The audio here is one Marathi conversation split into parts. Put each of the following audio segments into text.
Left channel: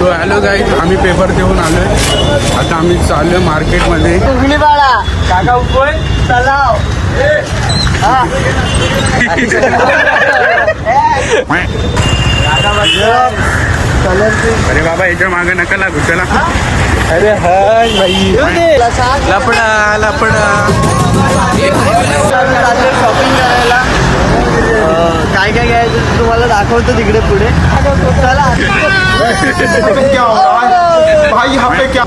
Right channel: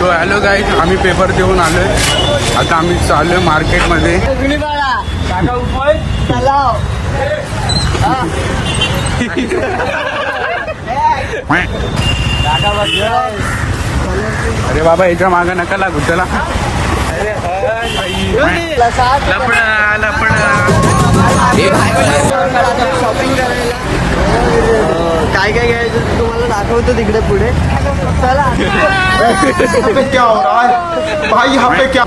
तो हॅलो गाईज, आम्ही पेपर देऊन आलोय. आता आम्ही चाललोय मार्केटमध्ये. अरे बाबा याच्या मागे नका लागू. चला लपडा लपडा. शॉपिंग करायला काय काय घ्यायचं तुम्हाला दाखवतो तिकडे पुढे. चला क्या हो रहा है भाई यहाँ पे क्या.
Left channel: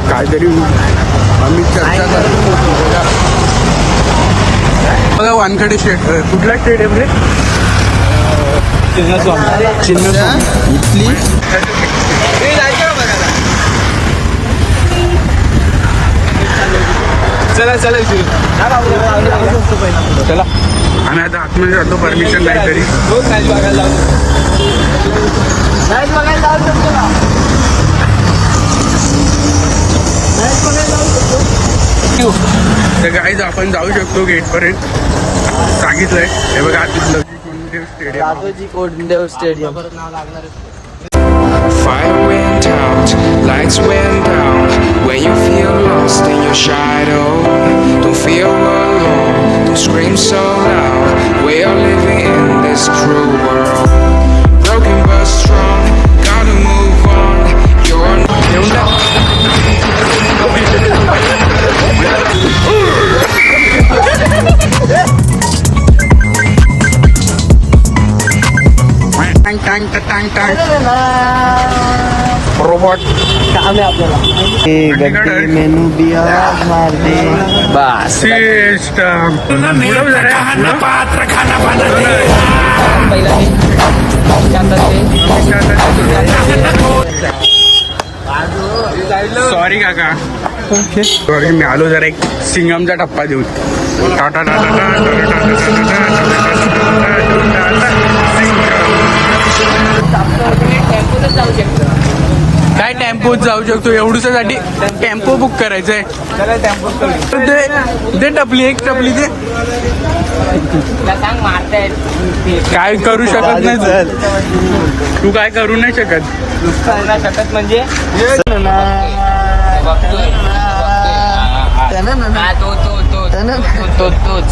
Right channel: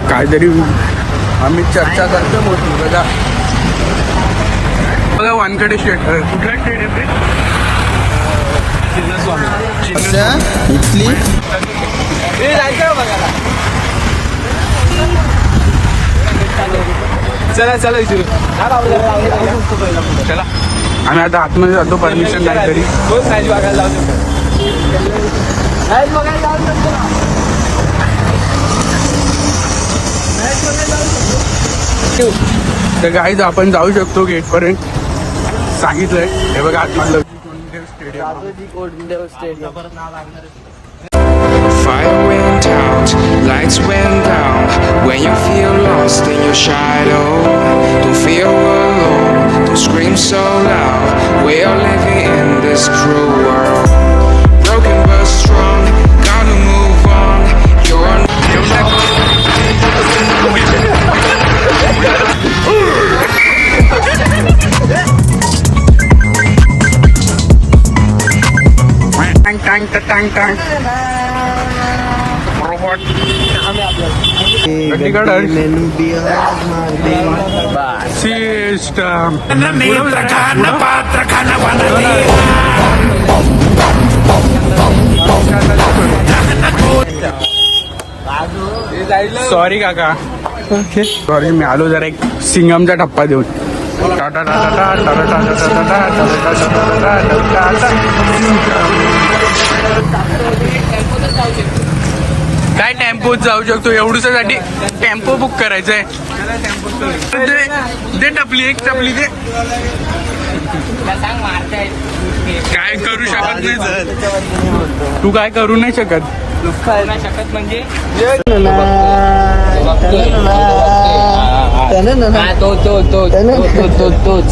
आम्ही चर्चा करतो. बघा वानखडे स्टेट. कुठला स्टेट आहे रे? चिन्नस्वामी इथली चला चला चला. आम्ही आता आतमध्ये जातो, परमिशन नाही तरी. तर गाईज आपण जाऊ शकतो गेट पर्यंत. सांगितलंय हे बघा आतमधलं Konddev stadium. Fire went out, lights went down. When you feel lost in your shadow, don't feel alone, don't scream so loud. We are living in this cruel world. Broken but strong, gotta move on. You're येऊन टाक. टांग टांग टांग टांग. रोबोट मेनू दिया मार दे सिस्टम. सॉरी काका. Okay sorry. मी आलो जरा एक सिंगमचा टप्पा देऊन. टाटा टाटा टाटा टाटा टाटा टाटा सिंगम. काय टेम्पोत जाऊ शकतो? एवढ्यासाठी टेम्पो बुक करायचंय. दे टपली, एक टपली दे. काय करू शकत नाही तू काय करू नाही शकत म्हणजे तोच